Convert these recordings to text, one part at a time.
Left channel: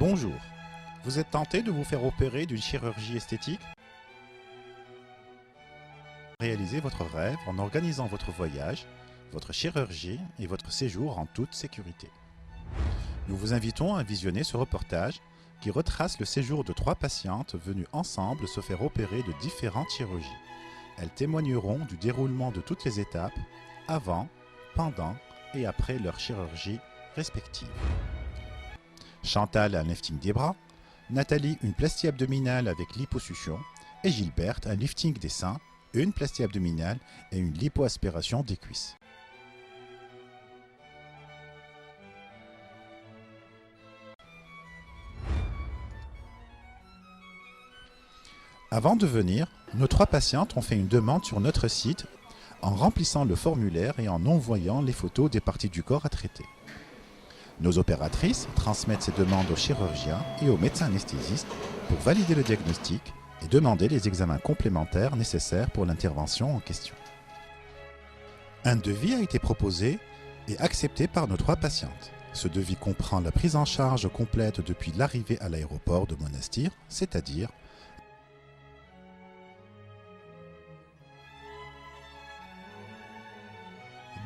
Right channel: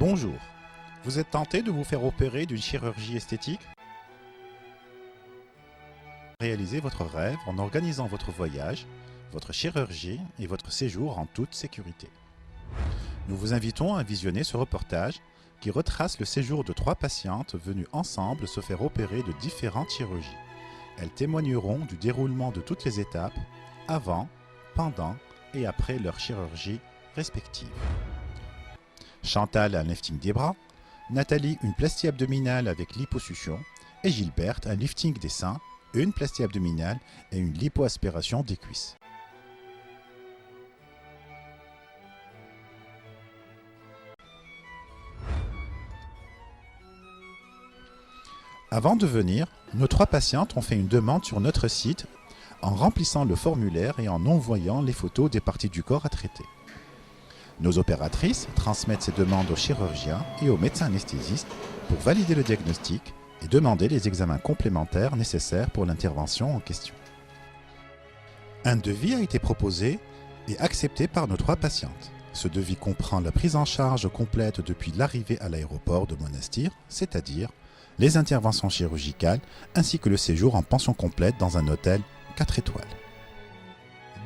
Bonjour, vous êtes tenté de vous faire opérer d'une chirurgie esthétique? Réalisez votre rêve en organisant votre voyage, votre chirurgie et votre séjour en toute sécurité. Nous vous invitons à visionner ce reportage qui retrace le séjour de 3 patientes venues ensemble se faire opérer de différentes chirurgies. Elles témoigneront du déroulement de toutes les étapes, avant, pendant et après leur chirurgie respective. Chantal un lifting des bras, Nathalie une plastie abdominale avec liposuction et Gilberte un lifting des seins, une plastie abdominale et une lipoaspiration des cuisses. Avant de venir, nos 3 patientes ont fait une demande sur notre site en remplissant le formulaire et en envoyant les photos des parties du corps à traiter. Nos opératrices transmettent ces demandes aux chirurgiens et aux médecins anesthésistes pour valider le diagnostic et demander les examens complémentaires nécessaires pour l'intervention en question. Un devis a été proposé et accepté par nos 3 patientes. Ce devis comprend la prise en charge complète depuis l'arrivée à l'aéroport de Monastir, c'est-à-dire les interventions chirurgicales ainsi que le séjour en pension complète dans un hôtel 4 étoiles.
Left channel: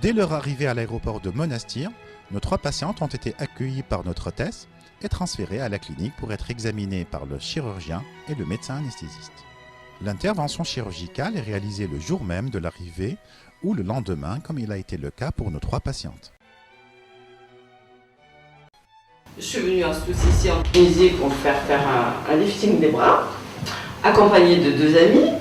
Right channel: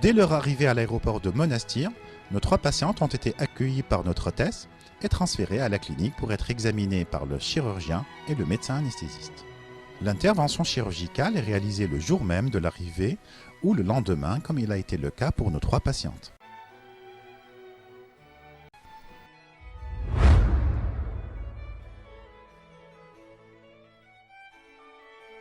Dès leur arrivée à l'aéroport de Monastir, nos 3 patientes ont été accueillies par notre hôtesse et transférées à la clinique pour être examinées par le chirurgien et le médecin anesthésiste. L'intervention chirurgicale est réalisée le jour même de l'arrivée ou le lendemain comme il a été le cas pour nos 3 patientes. Je suis venue en ici en Tunisie pour faire un lifting des bras, accompagnée de 2 amies,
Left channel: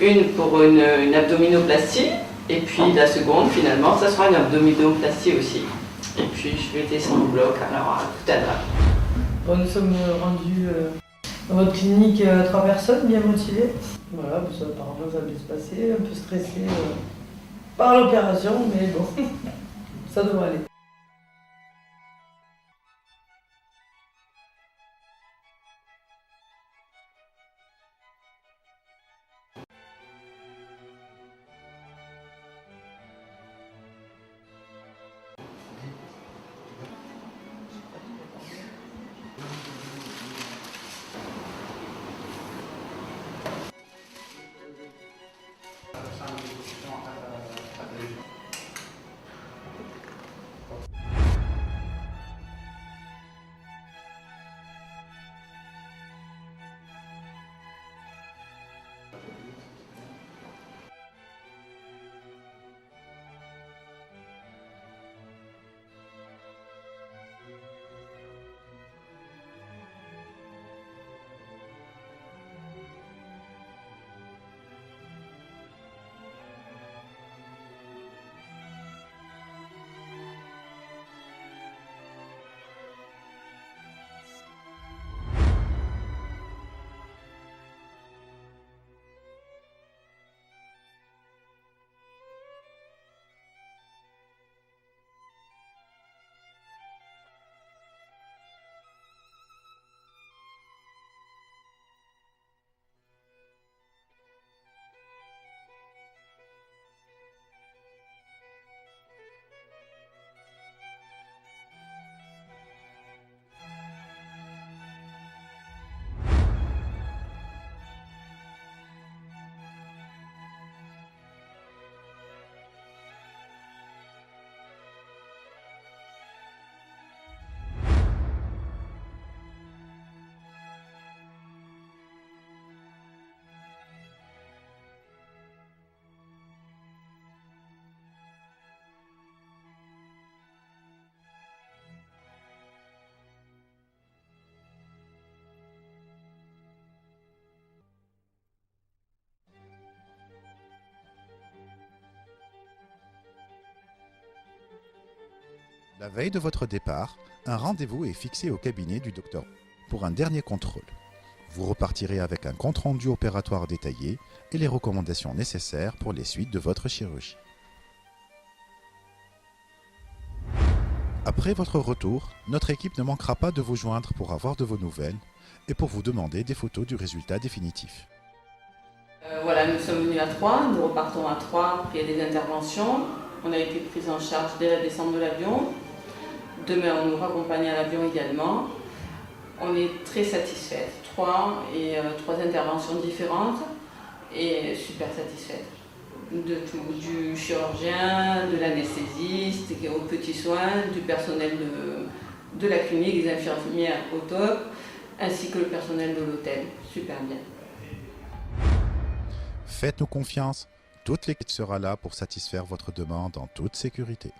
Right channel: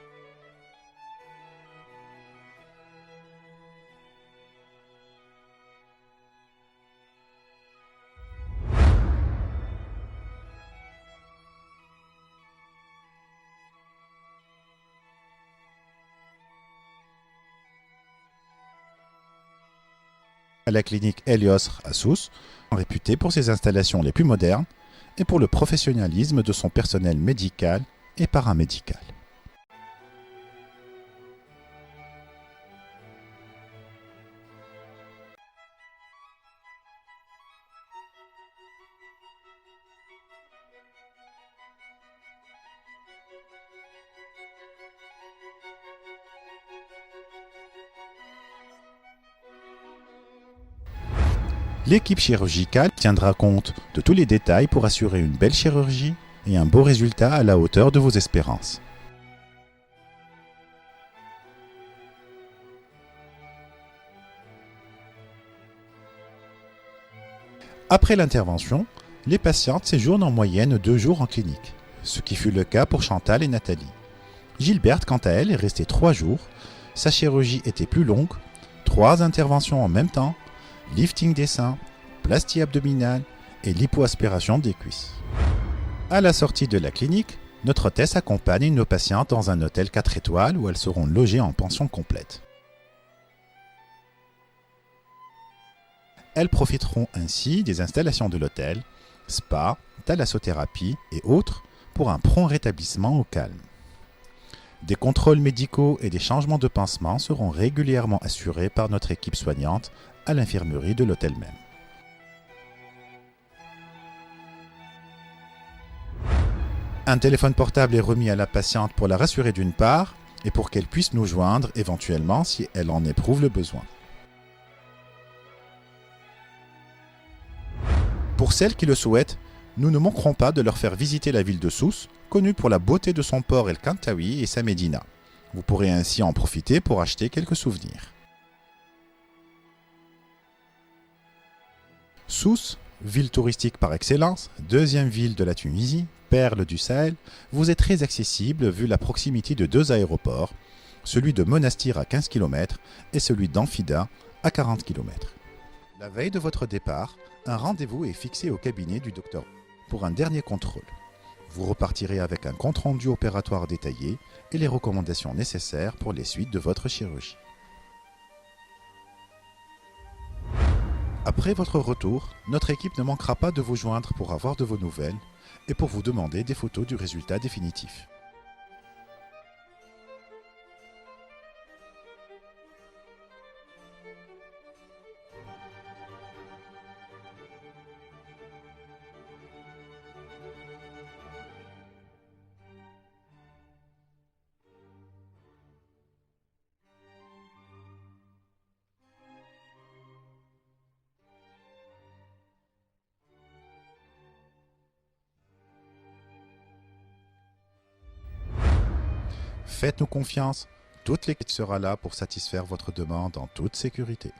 une pour une abdominoplastie et puis la seconde finalement ça sera une abdominoplastie aussi. Et puis je vais descendre au bloc, alors tout à l'heure. Bon, nous sommes rendus dans votre clinique 3 personnes bien motivées. Voilà, apparemment ça va bien se passer, un peu stressé par l'opération, mais bon, ça devrait aller. À la clinique Helios à Sousse, réputée pour ses installations les plus modernes et pour le professionnalisme de son personnel médical et paramédical. L'équipe chirurgicale tiendra compte de tous les détails pour assurer une belle chirurgie et un beau résultat à la hauteur de vos espérances. Après l'intervention, les patientes séjournent en moyenne 2 jours en clinique, ce qui fut le cas pour Chantal et Nathalie. Gilberte, quant à elle, est restée 3 jours. Sa chirurgie était plus longue, 3 interventions en même temps, lifting des seins, plastie abdominale et lipoaspiration des cuisses. À la sortie de la clinique, notre hôtesse accompagne nos patientes dans un hôtel 4 étoiles où elles seront logées en pension complète. Elles profiteront ainsi des installations de l'hôtel, spa, thalassothérapie et autres pour un prompt rétablissement au calme. Des contrôles médicaux et des changements de pansement seront régulièrement assurés par notre équipe soignante à l'infirmerie de l'hôtel même. Un téléphone portable est remis à la patiente pour la rassurer d'une part et pour qu'elle puisse nous joindre éventuellement si elle en éprouve le besoin. Pour celles qui le souhaitent, nous ne manquerons pas de leur faire visiter la ville de Sousse, connue pour la beauté de son port El Kantaoui et sa médina. Vous pourrez ainsi en profiter pour acheter quelques souvenirs. Sousse, ville touristique par excellence, 2e ville de la Tunisie, perle du Sahel, vous est très accessible vu la proximité de 2 aéroports, celui de Monastir à 15 km et celui d'Amphida à 40 km. La veille de votre départ, un rendez-vous est fixé au cabinet du docteur pour un dernier contrôle. Vous repartirez avec un compte-rendu opératoire détaillé et les recommandations nécessaires pour les suites de votre chirurgie. Après votre retour, notre équipe ne manquera pas de vous joindre pour avoir de vos nouvelles et pour vous demander des photos du résultat définitif. Voilà, nous sommes venus à 3, nous repartons à 3 après des interventions. On a été pris en charge dès la descente de l'avion. Demain, on nous raccompagne à l'avion également. On est très satisfaite. 3 interventions différentes et super satisfaite. De tout, du chirurgien, de l'anesthésiste, aux petits soins, du personnel de la clinique, des infirmières au top, ainsi que le personnel de l'hôtel. Super bien. Faites-nous confiance, toute l'équipe sera là pour satisfaire votre demande en toute sécurité.